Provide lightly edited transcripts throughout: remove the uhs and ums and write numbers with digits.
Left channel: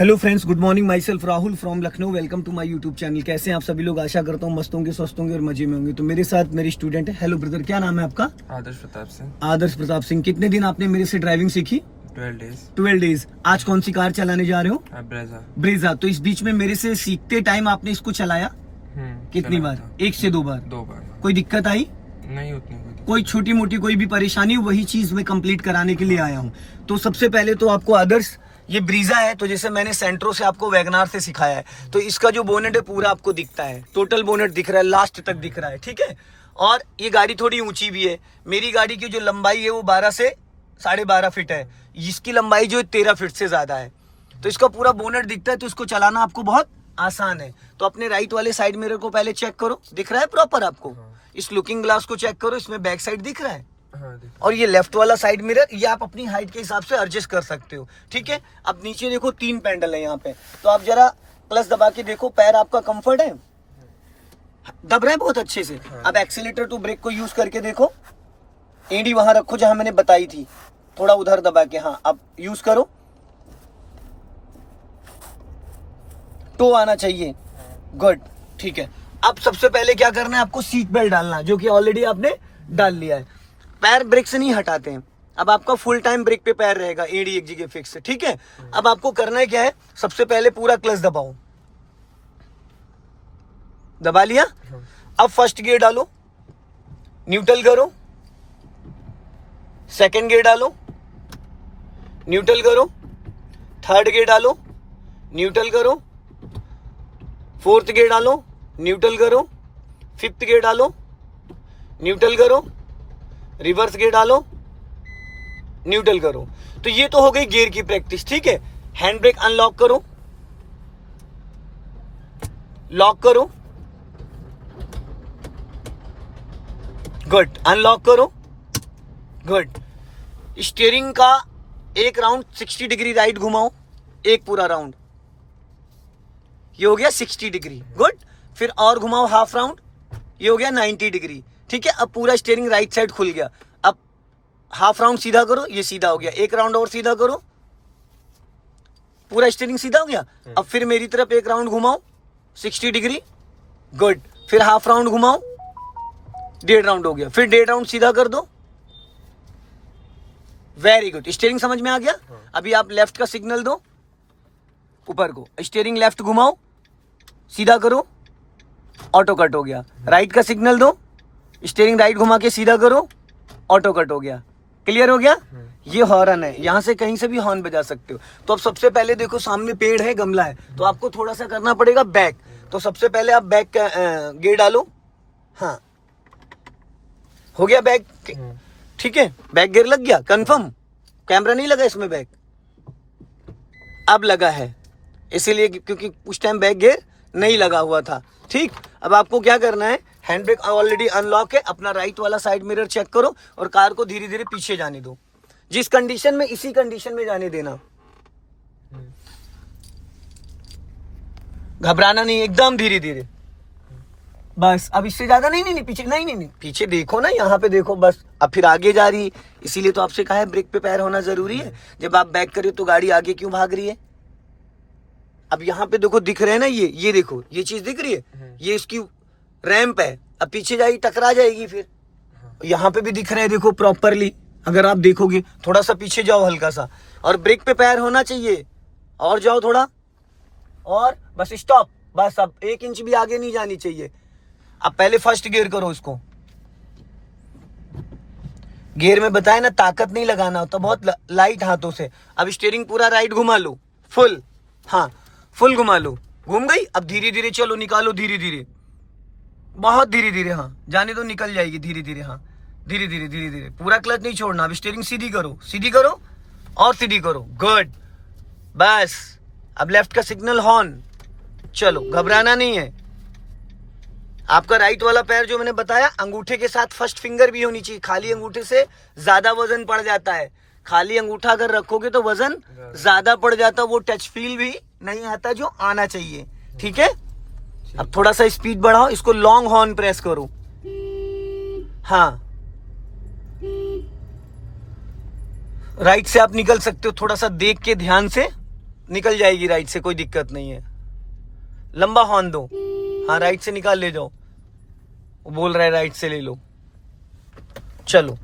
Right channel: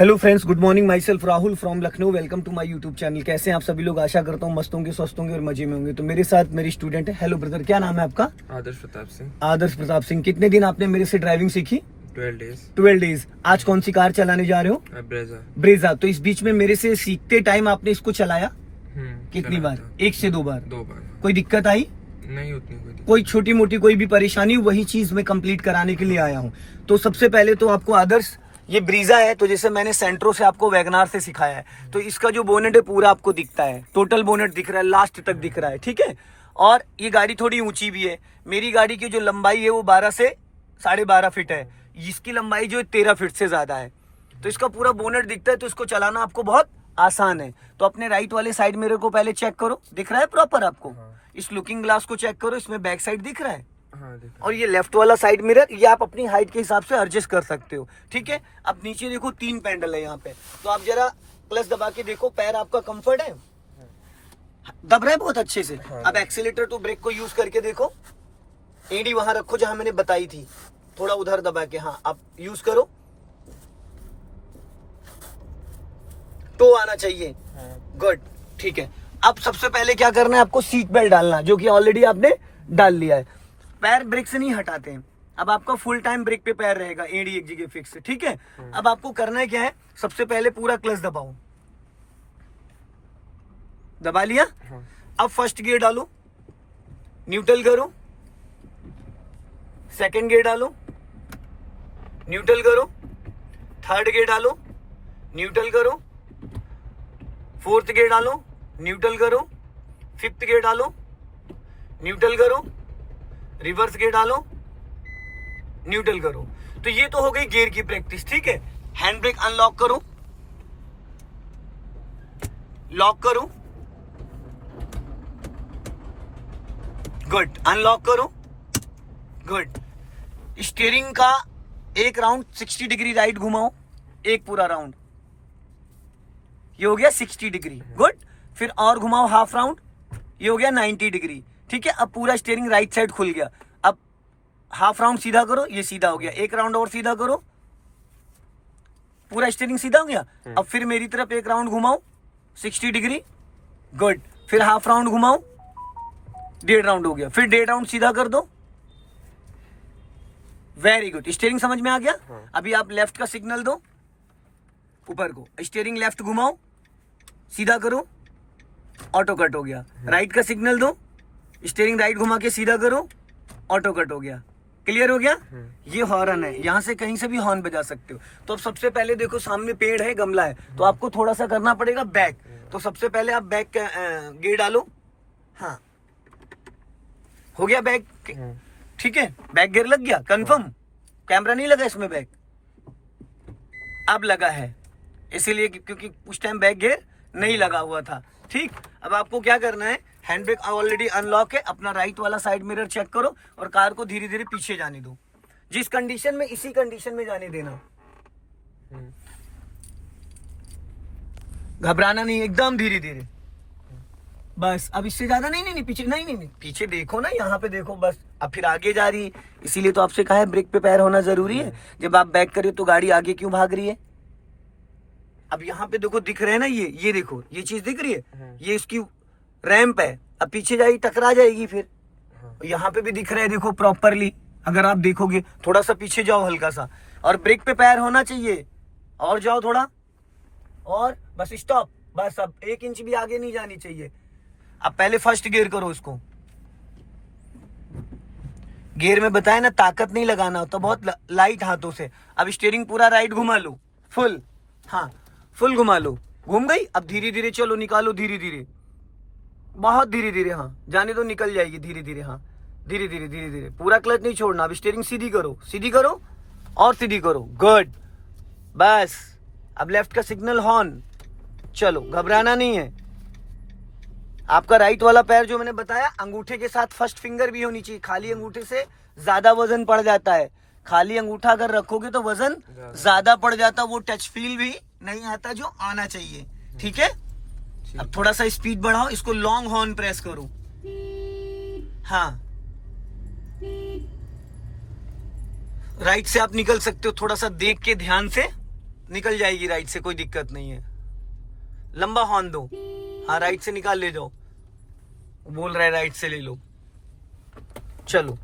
Hello friends, good morning. Myself Rahul from Lucknow. Welcome to my YouTube channel. कैसे हैं आप सभी लोग? आशा करता हूँ मस्त होंगे, स्वस्थ होंगे और मजे में होंगे। तो मेरे साथ मेरी स्टूडेंट है। हेलो ब्रदर, क्या नाम है आपका? आदर्श प्रताप सिंह। आदर्श प्रताप सिंह। कितने दिन आपने मेरे से ड्राइविंग सीखी? 12 डेज। 12 डेज। आज कौन सी कार चलाने जा रहे हो? ब्रेजा। ब्रेजा। तो इस बीच में मेरे से सीखते टाइम आपने इसको चलाया कितनी बार? 1 से 2 बार। 2 बार। कोई दिक्कत आई? नहीं, उतनी कोई छोटी मोटी कोई भी परेशानी? वही चीज मैं कंप्लीट कराने के लिए आया हूँ। तो सबसे पहले तो आपको आदर्श, ये ब्रीजा है, तो जैसे मैंने सेंट्रो से आपको वैगनार से सिखाया है, तो इसका जो बोनेट है पूरा आपको दिखता है, टोटल बोनेट दिख रहा है, लास्ट तक दिख रहा है, ठीक है। और ये गाड़ी थोड़ी ऊंची भी है। मेरी गाड़ी की जो लंबाई है वो 12 से 12.5 फीट है, इसकी लंबाई जो 13 फीट से ज्यादा है। तो इसका पूरा बोनेट दिखता है, तो इसको चलाना आपको बहुत आसान है। तो अपने राइट वाले साइड मिरर को पहले चेक करो, दिख रहा है प्रॉपर आपको? इस लुकिंग ग्लास को चेक करो, इसमें बैक साइड दिख रहा है। और ये लेफ्ट वाला साइड मिरर, ये आप अपनी हाइट के हिसाब से एडजस्ट कर सकते हो, ठीक है। अब नीचे देखो 3 पैडल है यहाँ पे, तो आप जरा प्लस दबा के देखो, पैर आपका कंफर्ट है? दब रहा है बहुत अच्छे से। अब एक्सीलेटर टू ब्रेक को यूज करके देखो, एडी वहां रखो जहां मैंने बताई थी, थोड़ा उधर दबा के, हाँ अब यूज करो। टो आना चाहिए, गुड, ठीक है। अब सबसे पहले क्या करना है, आपको सीट बेल्ट डालना, जो कि ऑलरेडी आपने डाल लिया है। पैर ब्रेक से नहीं हटाते हैं। अब आपका फुल टाइम ब्रेक पे पैर रहेगा, एड़ी एक जगह फिक्स है, ठीक है। अब आपको करना है क्या है, सबसे पहले पूरा क्लच दबाओ, दबा लिया। अब फर्स्ट गियर डालो, न्यूट्रल करो, सेकंड गियर डालो, न्यूट्रल करो, थर्ड गियर डालो, न्यूट्रल करो, फोर्थ गियर डालो, न्यूट्रल करो, फिफ्थ गियर डालो, न्यूट्रल करो, रिवर्स गियर डालो, न्यूट्रल करो। तो ये तो हो गई गियर की प्रैक्टिस, ठीक है। हैंड ब्रेक अनलॉक करो, लॉक करो, गुड, अनलॉक करो, गुड। स्टीयरिंग का एक राउंड 60 डिग्री राइट घुमाओ, एक पूरा राउंड, ये हो गया 60 डिग्री, गुड। फिर और घुमाओ हाफ राउंड, ये हो गया 90 डिग्री, ठीक है। अब पूरा स्टीयरिंग राइट साइड खुल गया। अब हाफ राउंड सीधा करो, ये सीधा हो गया। एक राउंड और सीधा करो, पूरा स्टीयरिंग सीधा हो गया। अब फिर मेरी तरफ एक राउंड घुमाओ 60 डिग्री, गुड। फिर हाफ राउंड घुमाओ, 1.5 राउंड हो गया। फिर 1.5 राउंड सीधा कर दो, वेरी गुड। स्टीयरिंग समझ में आ गया। अभी आप लेफ्ट का सिग्नल दो ऊपर को, स्टीयरिंग लेफ्ट घुमाओ, सीधा करो, ऑटो कट हो गया। राइट का सिग्नल दो, स्टीयरिंग राइट घुमा के सीधा करो, ऑटो कट हो गया। क्लियर हो गया? ये हॉर्न है, यहां से कहीं से भी हॉर्न बजा सकते हो। तो अब सबसे पहले देखो, सामने पेड़ है, गमला है, तो आपको थोड़ा सा करना पड़ेगा बैक। तो सबसे पहले आप बैक गियर डालो, हाँ हो गया बैक, ठीक है। बैक गियर लग गया, कंफर्म? कैमरा नहीं लगा इसमें, बैक अब लगा है, इसीलिए क्योंकि उस टाइम बैक गियर नहीं लगा हुआ था, ठीक। अब आपको क्या करना है, हैंड ब्रेक ऑलरेडी अनलॉक है, अपना राइट वाला साइड मिरर चेक करो और कार को धीरे धीरे पीछे जाने दो। जिस कंडीशन में, इसी कंडीशन में जाने देना, घबराना नहीं, एकदम धीरे धीरे, बस। अब इससे ज्यादा नहीं, पीछे नहीं, पीछे देखो ना, यहाँ पे देखो बस। अब फिर आगे जा रही, इसीलिए तो आपसे कहा है ब्रेक पे पैर होना जरूरी है। जब आप बैक करिए तो गाड़ी आगे क्यों भाग रही है? अब यहाँ पे देखो, दिख रहे हैं ना, ये देखो, ये चीज दिख रही है, ये इसकी रैंप है। अब पीछे जाएगी, टकरा जाएगी। फिर यहाँ पे भी दिख रहा है, देखो प्रॉपरली। अगर आप देखोगे, थोड़ा सा पीछे जाओ हल्का सा, और ब्रेक पे पैर होना चाहिए, और जाओ थोड़ा, और बस स्टॉप, बस। अब 1 इंच भी आगे नहीं जानी चाहिए। अब पहले फर्स्ट गियर करो इसको, गियर में बताया ना, ताकत नहीं लगाना होता, बहुत लाइट हाथों से। अब स्टीयरिंग पूरा राइट घुमा लो, फुल, हाँ फुल घुमा लो, घूम गई। अब धीरे धीरे चलो, निकालो धीरे धीरे, बहुत धीरे धीरे, हाँ जाने दो, निकल जाएगी धीरे धीरे, हाँ धीरे धीरे, पूरा क्लच नहीं छोड़ना। अब स्टीयरिंग सीधी करो और सीधी करो, गुड, बस। अब लेफ्ट का सिग्नल हॉर्न, चलो, घबराना नहीं है। आपका राइट वाला पैर जो मैंने बताया, अंगूठे के साथ फर्स्ट फिंगर भी होनी चाहिए। खाली अंगूठे से ज्यादा वजन पड़ जाता है, खाली अंगूठा अगर रखोगे तो वजन ज्यादा पड़ जाता, वो टच फील भी नहीं आता जो आना चाहिए, ठीक है। अब थोड़ा सा स्पीड बढ़ाओ, इसको लॉन्ग हॉर्न प्रेस करो, हाँ। राइट से आप निकल सकते हो, थोड़ा सा देख के ध्यान से निकल जाएगी राइट से, कोई दिक्कत नहीं है। लंबा हॉर्न दो, हाँ राइट से निकाल ले जाओ, वो बोल रहा है राइट से ले लो। चलो,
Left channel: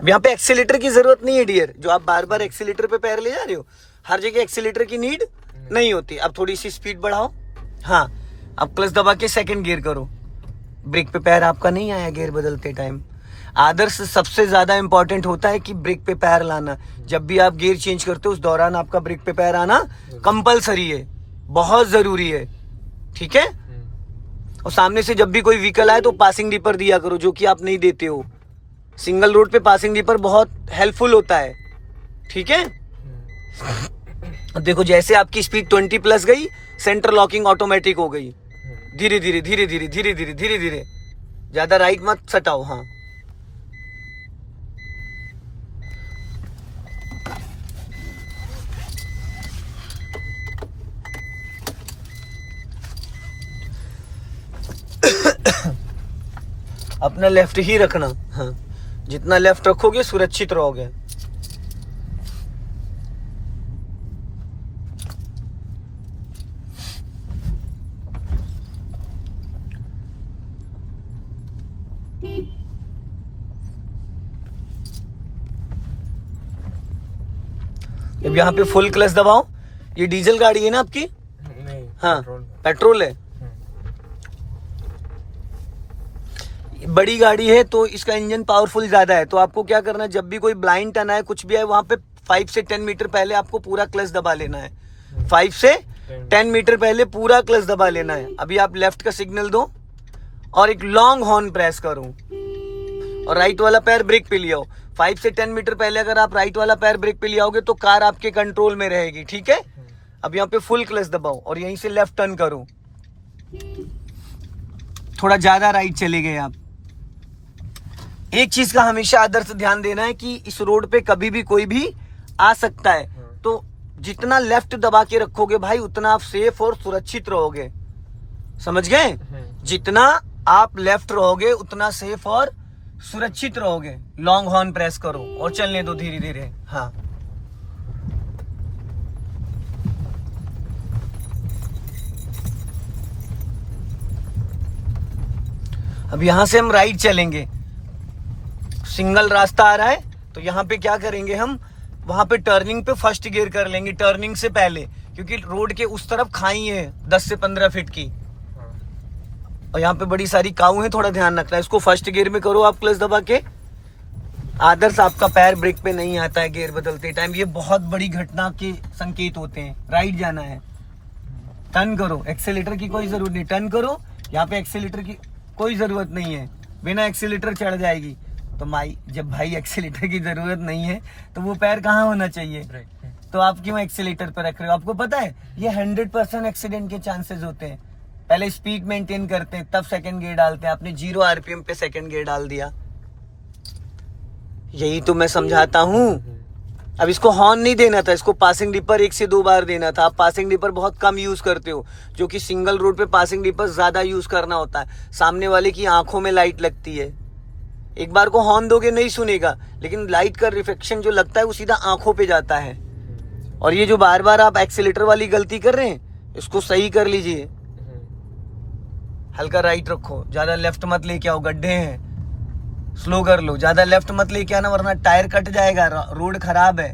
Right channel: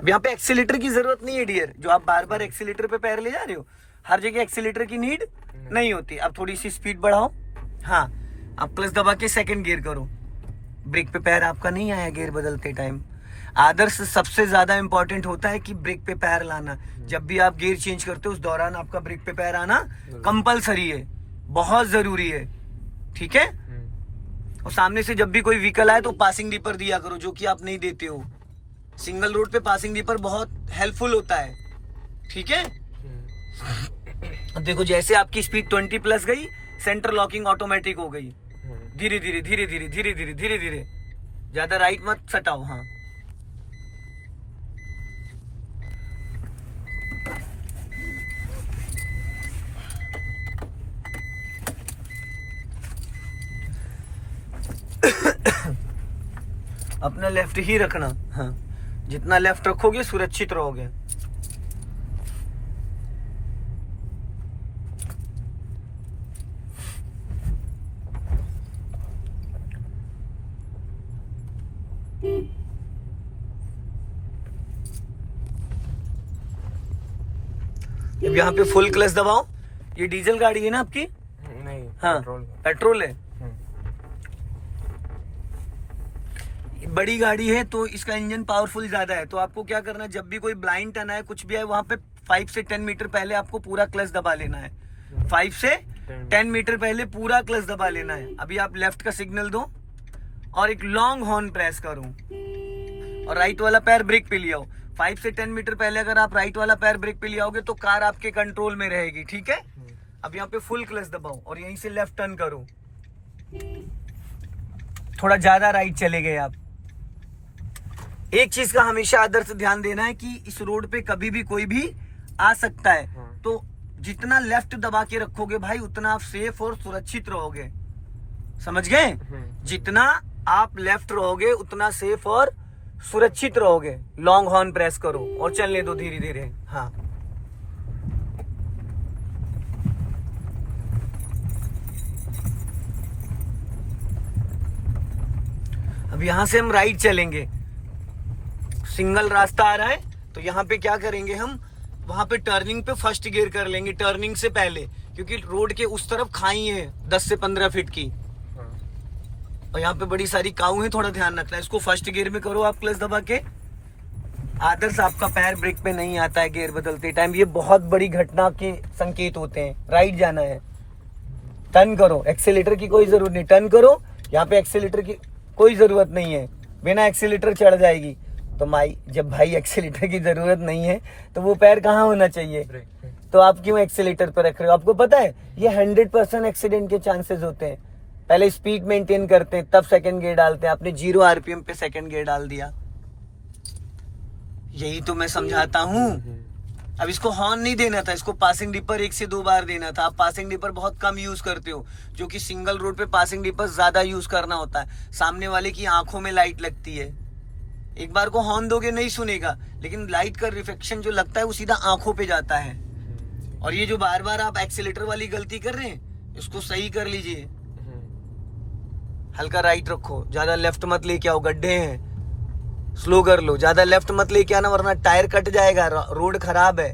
अब यहाँ पे एक्सीलेटर की जरूरत नहीं है डियर, जो आप बार बार एक्सीलेटर पे पैर ले जा रहे हो, हर जगह एक्सीलेटर की नीड नहीं होती। अब थोड़ी सी स्पीड बढ़ाओ, हाँ अब क्लच दबा के सेकंड गियर करो। ब्रेक पे पैर आपका नहीं आया गियर बदलते टाइम। आदर्श सबसे ज्यादा इंपॉर्टेंट होता है कि ब्रेक पे पैर लाना। जब भी आप गियर चेंज करते हो उस दौरान आपका ब्रेक पे पैर आना कंपलसरी है, बहुत जरूरी है, ठीक है। और सामने से जब भी कोई व्हीकल आए तो पासिंग डीपर दिया करो, जो कि आप नहीं देते हो। सिंगल रोड पे पासिंग डीपर बहुत हेल्पफुल होता है, ठीक है। देखो जैसे आपकी स्पीड 20 प्लस गई, सेंटर लॉकिंग ऑटोमेटिक हो गई। धीरे धीरे धीरे धीरे धीरे धीरे धीरे धीरे, ज्यादा राइट मत सटाओ, हाँ। अपना लेफ्ट ही रखना, हाँ जितना लेफ्ट रखोगे सुरक्षित रहोगे। अब यहाँ पे फुल क्लच दबाओ। ये डीजल गाड़ी है ना आपकी? नहीं, हाँ पेट्रोल है। बड़ी गाड़ी है तो इसका इंजन पावरफुल ज्यादा है। तो आपको क्या करना है, जब भी कोई ब्लाइंड टर्न आए, कुछ भी आए, वहां पे 5 से 10 मीटर पहले आपको पूरा क्लच दबा लेना है। 5 से 10 मीटर पहले पूरा क्लच दबा लेना है। अभी आप लेफ्ट का सिग्नल दो और एक लॉन्ग हॉर्न प्रेस करो और राइट वाला पैर ब्रेक पे ले आओ। 5 से 10 मीटर पहले अगर आप राइट वाला पैर ब्रेक पे ले आओगे तो कार आपके कंट्रोल में रहेगी, ठीक है। अब यहाँ पे फुल क्लच दबाओ और यहीं से लेफ्ट टर्न करो। थोड़ा ज्यादा राइट चले गए आप। एक चीज का हमेशा आदर्श ध्यान देना है कि इस रोड पे कभी भी कोई भी आ सकता है, तो जितना लेफ्ट दबा के रखोगे भाई उतना आप सेफ और सुरक्षित रहोगे, समझ गए। जितना आप लेफ्ट रहोगे उतना सेफ और सुरक्षित रहोगे। लॉन्ग हॉर्न प्रेस करो और चलने दो धीरे धीरे, हाँ। अब यहां से हम राइट चलेंगे, सिंगल रास्ता आ रहा है तो यहाँ पे क्या करेंगे हम, वहां पे टर्निंग पे फर्स्ट गियर कर लेंगे टर्निंग से पहले, क्योंकि रोड के उस तरफ खाई है 10 से 15 फीट की और यहाँ पे बड़ी सारी काऊ है, थोड़ा ध्यान रखना है। इसको फर्स्ट गियर में करो आप क्लच दबा के। आदर्श आपका पैर ब्रेक पे नहीं आता है गियर बदलते टाइम, ये बहुत बड़ी घटना के संकेत होते हैं। राइट जाना है, टर्न करो, एक्सेलेटर की कोई जरूरत नहीं, टर्न करो। यहाँ पे एक्सेलेटर की कोई जरूरत नहीं है, बिना एक्सेलेटर चढ़ जाएगी। तो जब भाई एक्सेलेटर की जरूरत नहीं है तो वो पैर कहाँ होना चाहिए, तो आप क्यों एक्सेलेटर पे रख रहे हो। आपको पता है ये 100% एक्सीडेंट के चांसेस होते हैं। पहले स्पीड मेंटेन करते हैं तब सेकंड गियर डालते हैं, आपने 0 RPM पे सेकंड गियर डाल दिया। यही तो मैं समझाता हूँ। अब इसको हॉर्न नहीं देना था, इसको पासिंग डिपर 1 से 2 बार देना था। आप पासिंग डिपर बहुत कम यूज करते हो, जो कि सिंगल रोड पे पासिंग डिपर ज्यादा यूज करना होता है। सामने वाले की आंखों में लाइट लगती है, एक बार को हॉर्न दोगे नहीं सुनेगा, लेकिन लाइट का रिफ्लेक्शन जो लगता है वो सीधा आंखों पे जाता है। और ये जो बार बार आप एक्सीलेटर वाली गलती कर रहे हैं इसको सही कर लीजिए। हल्का राइट रखो, ज्यादा लेफ्ट मत लेके आओ, गड्ढे हैं, स्लो कर लो। ज्यादा लेफ्ट मत लेके आना वरना टायर कट जाएगा, रोड खराब है।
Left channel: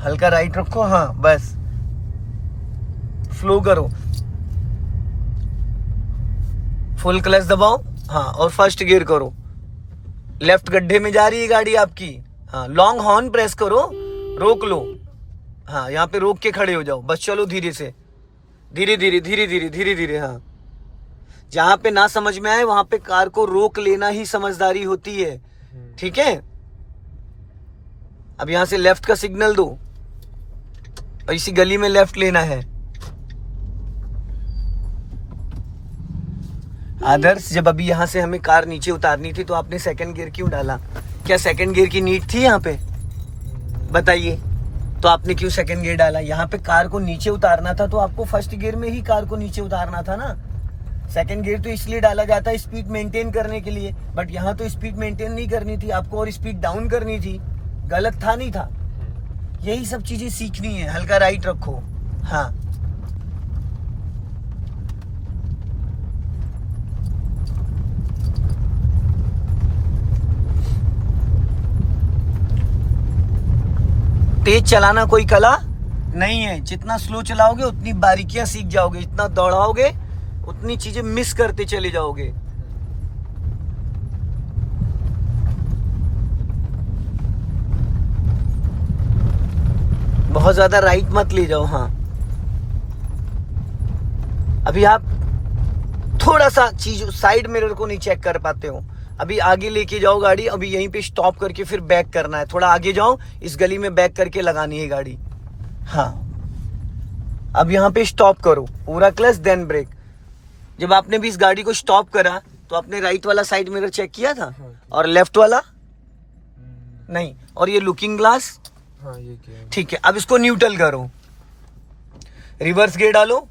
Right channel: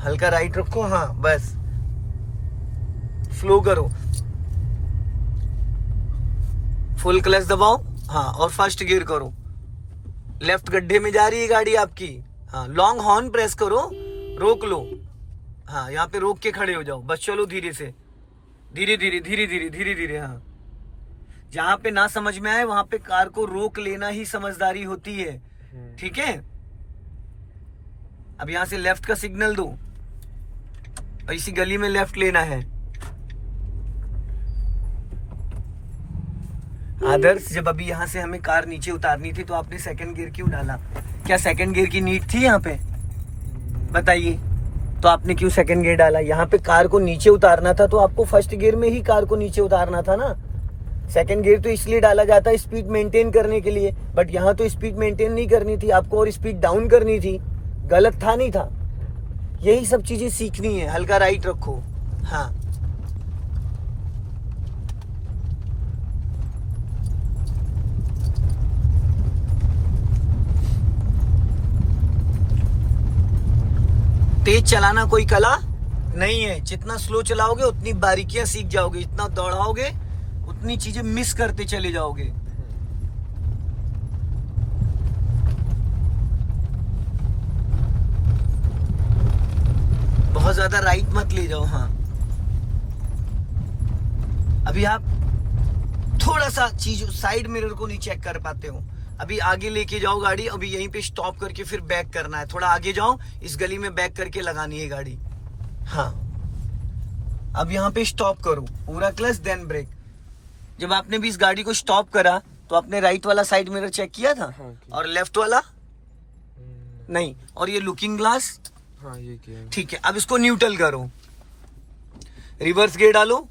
हल्का राइट रखो, हाँ बस, स्लो करो, फुल क्लच दबाओ, हाँ और फर्स्ट गियर करो। लेफ्ट गड्ढे में जा रही है गाड़ी आपकी, हाँ लॉन्ग हॉर्न प्रेस करो, रोक लो, हाँ यहाँ पे रोक के खड़े हो जाओ, बस चलो धीरे से, धीरे धीरे धीरे धीरे धीरे धीरे। हाँ जहाँ पे ना समझ में आए वहां पे कार को रोक लेना ही समझदारी होती है, ठीक है। अब यहाँ से लेफ्ट का सिग्नल दो और इसी गली में लेफ्ट लेना है। आदर्श जब अभी यहाँ से हमें कार नीचे उतारनी थी तो आपने सेकंड गियर क्यों डाला? क्या सेकंड गियर की नीड थी यहाँ पे? बताइए, तो आपने क्यों सेकंड गियर डाला? यहाँ पे कार को नीचे उतारना था तो आपको फर्स्ट गियर में ही कार को नीचे उतारना था ना। सेकंड गियर तो इसलिए डाला जाता है स्पीड मेंटेन करने के लिए, बट यहाँ तो स्पीड मेंटेन नहीं करनी थी, आपको और स्पीड डाउन करनी थी। गलत था नहीं था, यही सब चीजें सीखनी है। हल्का राइट रखो, हाँ। तेज चलाना कोई कला नहीं है, जितना स्लो चलाओगे उतनी बारीकियां सीख जाओगे, जितना दौड़ाओगे उतनी चीजें मिस करते चले जाओगे। बहुत ज्यादा राइट मत ले जाओ, हाँ। अभी आप थोड़ा सा चीज साइड मिरर को नहीं चेक कर पाते हो। अभी आगे लेके जाओ गाड़ी, अभी यहीं पे स्टॉप करके फिर बैक करना है। थोड़ा आगे जाओ, इस गली में बैक करके लगानी है गाड़ी, हाँ। अब यहाँ पे स्टॉप करो, पूरा क्लच देन ब्रेक। जब आपने भी इस गाड़ी को स्टॉप करा तो आपने राइट वाला साइड मिरर चेक किया था और लेफ्ट वाला नहीं, और ये लुकिंग ग्लास, हाँ ये किया। ठीक है। अब इसको न्यूट्रल करो, रिवर्स गियर डालो।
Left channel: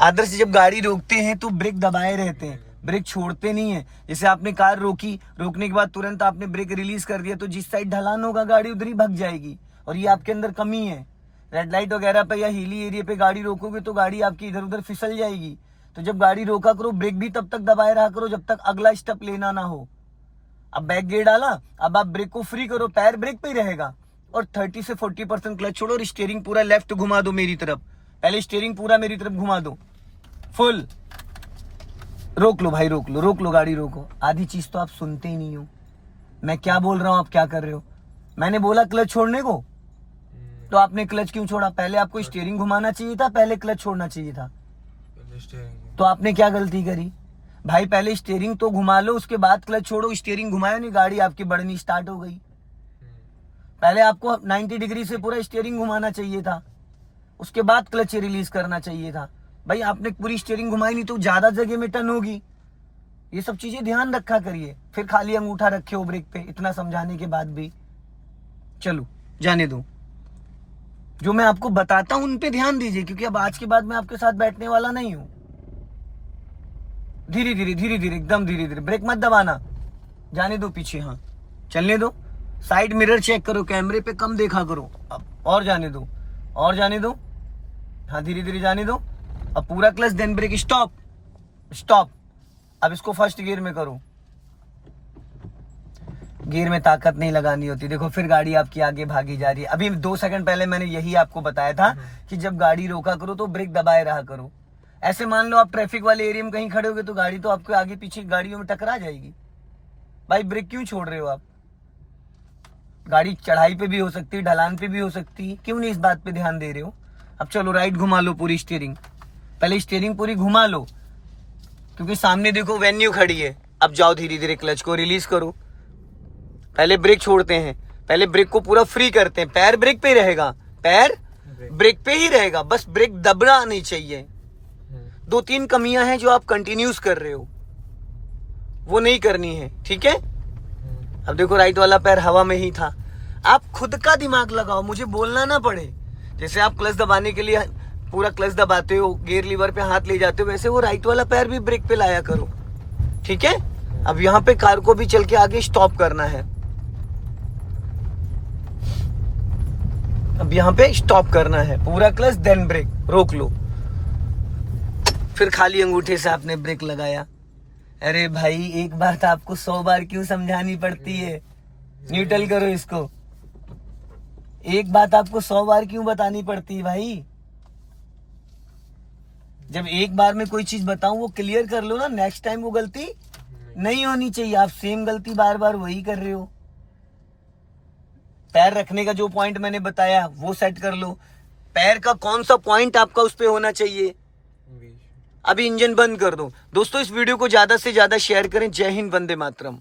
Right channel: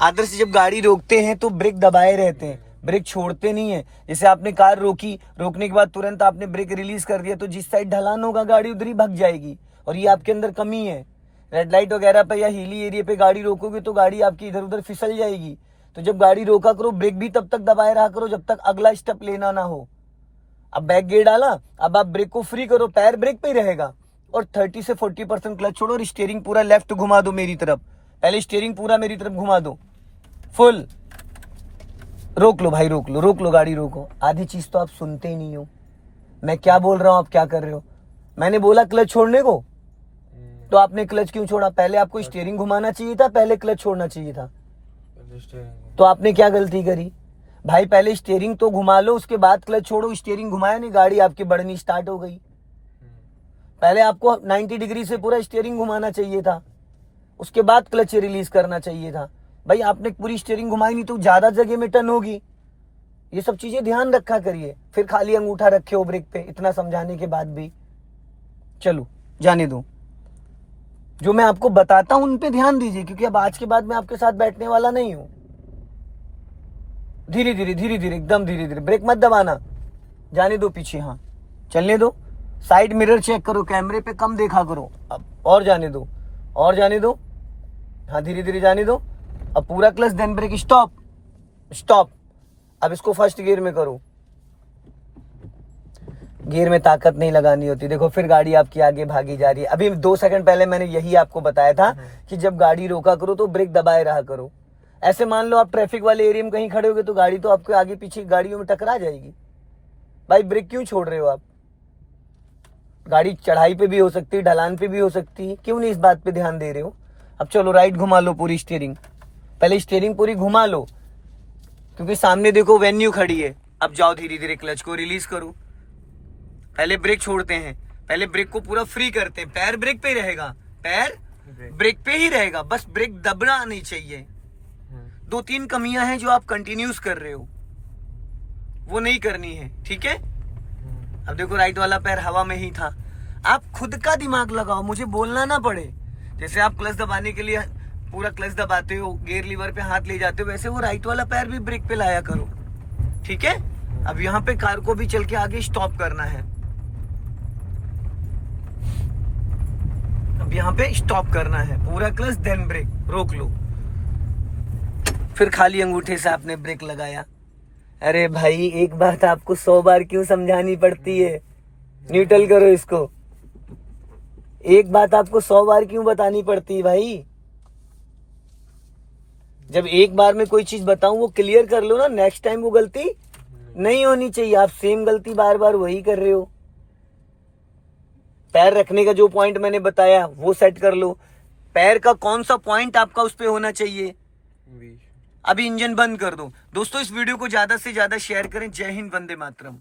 आदर्श जब गाड़ी रोकते हैं तो ब्रेक दबाए रहते हैं, ब्रेक छोड़ते नहीं है। जैसे आपने कार रोकी, रोकने के बाद तुरंत आपने ब्रेक रिलीज कर दिया तो जिस साइड ढलान होगा गाड़ी उधर ही भग जाएगी, और ये आपके अंदर कमी है। रेड लाइट वगैरह पे या हिली एरिया पे गाड़ी रोकोगे तो गाड़ी आपकी इधर उधर फिसल जाएगी। तो जब गाड़ी रोका करो, ब्रेक भी तब तक दबाए रहा करो जब तक अगला स्टेप लेना ना हो। अब बैक गियर डाला, अब आप ब्रेक को फ्री करो, पैर ब्रेक पे ही रहेगा, और 30 से 40% क्लच छोड़ो और स्टीयरिंग पूरा लेफ्ट घुमा दो मेरी तरफ। पहले स्टीयरिंग पूरा मेरी तरफ घुमा दो, फुल। रोक लो भाई, रोक लो, रोक लो, गाड़ी रोको। आधी चीज तो आप सुनते ही नहीं हो, मैं क्या बोल रहा हूं आप क्या कर रहे हो। मैंने बोला क्लच छोड़ने को, तो आपने क्लच क्यों छोड़ा? पहले आपको स्टीयरिंग घुमाना चाहिए था, पहले क्लच छोड़ना चाहिए था। तो आपने क्या गलती करी भाई? पहले स्टीयरिंग तो घुमा लो, उसके बाद क्लच छोड़ो। स्टीयरिंग घुमाया नहीं, गाड़ी आपकी बढ़नी स्टार्ट हो गई। पहले आपको 90 डिग्री से पूरा स्टीयरिंग घुमाना चाहिए था, उसके बाद क्लच रिलीज करना चाहिए था। भाई आपने पूरी स्टीयरिंग घुमाई नहीं तो ज्यादा जगह में टर्न होगी। ये सब चीजें ध्यान रखा करिए। फिर खाली अंगूठा रखे हो ब्रेक पे, इतना समझाने के बाद भी। चलो जाने दो, जो मैं आपको बताता हूं उन पे ध्यान दीजिए, क्योंकि अब आज के बाद मैं आपके साथ बैठने वाला नहीं हूं। धीरे धीरे धीरे धीरे, एकदम धीरे धीरे, ब्रेक मत दबाना, जाने दो पीछे, हाँ चलने दो। साइड मिरर चेक करो, कैमरे पे कम देखा करो। अब और जाने दो, और जाने दो, हाँ धीरे धीरे जाने दो। अब पूरा clutch then brake, stop stop. अब इसको फर्स्ट गियर में करो, गियर में ताकत नहीं लगानी होती। देखो फिर गाड़ी आपकी आगे भागी जा रही है। अभी 2 सेकंड पहले मैंने यही आपको बताया था कि जब गाड़ी रोका करो तो ब्रेक दबाए रहा करो। ऐसे मान लो आप ट्रैफिक वाले एरिया में कहीं खड़े होगे तो गाड़ी तो आपके आगे पीछे गाड़ियों में टकरा जाएगी। भाई ब्रेक क्यों छोड़ रहे हो आप? गाड़ी चढ़ाई पे भी हो सकती है, ढलान पे भी हो सकती है, क्यों नहीं इस बात पे ध्यान दे रहे हो? अब चलो राइट घुमा लो पूरी स्टीयरिंग, पहले स्टीयरिंग पूरी घुमा लो, क्योंकि सामने देखो वेन्यू खड़ी है। अब जाओ धीरे धीरे, क्लच को रिलीज करो। पहले ब्रेक छोड़ते हैं, पहले ब्रेक को पूरा फ्री करते हैं। पैर ब्रेक पे ही रहेगा, पैर ब्रेक पे ही रहेगा, बस ब्रेक दबना नहीं चाहिए। 2-3 कमियां हैं जो आप कंटिन्यूस कर रहे हो, वो नहीं करनी है, ठीक है। अब देखो राइट वाला पैर हवा में ही था। आप खुद का दिमाग लगाओ, मुझे बोलना ना पड़े। जैसे आप क्लच दबाने के लिए पूरा क्लच दबाते हो, गियर लीवर पे हाथ ले जाते हो, वैसे वो राइट वाला पैर भी ब्रेक पे लाया करो, ठीक है। अब यहाँ पे कार को भी चल के आगे स्टॉप करना है। अब यहाँ पे स्टॉप करना है, पूरा क्लच देन ब्रेक, रोक लो। फिर खाली अंगूठे से आपने ब्रेक लगाया। अरे भाई एक बात आपको 100 बार क्यों समझानी पड़ती है? न्यूट्रल करो इसको। एक बात आपको 100 बार क्यों बतानी पड़ती है भाई? जब एक बार में कोई चीज बताऊं वो क्लियर कर लो ना, नेक्स्ट टाइम वो गलती नहीं होनी चाहिए। आप सेम गलती बार बार वही कर रहे हो। पैर रखने का जो पॉइंट मैंने बताया वो सेट कर लो। पैर का कौन सा पॉइंट आपका उस पे होना चाहिए। अभी इंजन बंद कर दो। दोस्तों इस वीडियो को ज्यादा से ज्यादा शेयर करें। जय हिंद, वंदे मातरम।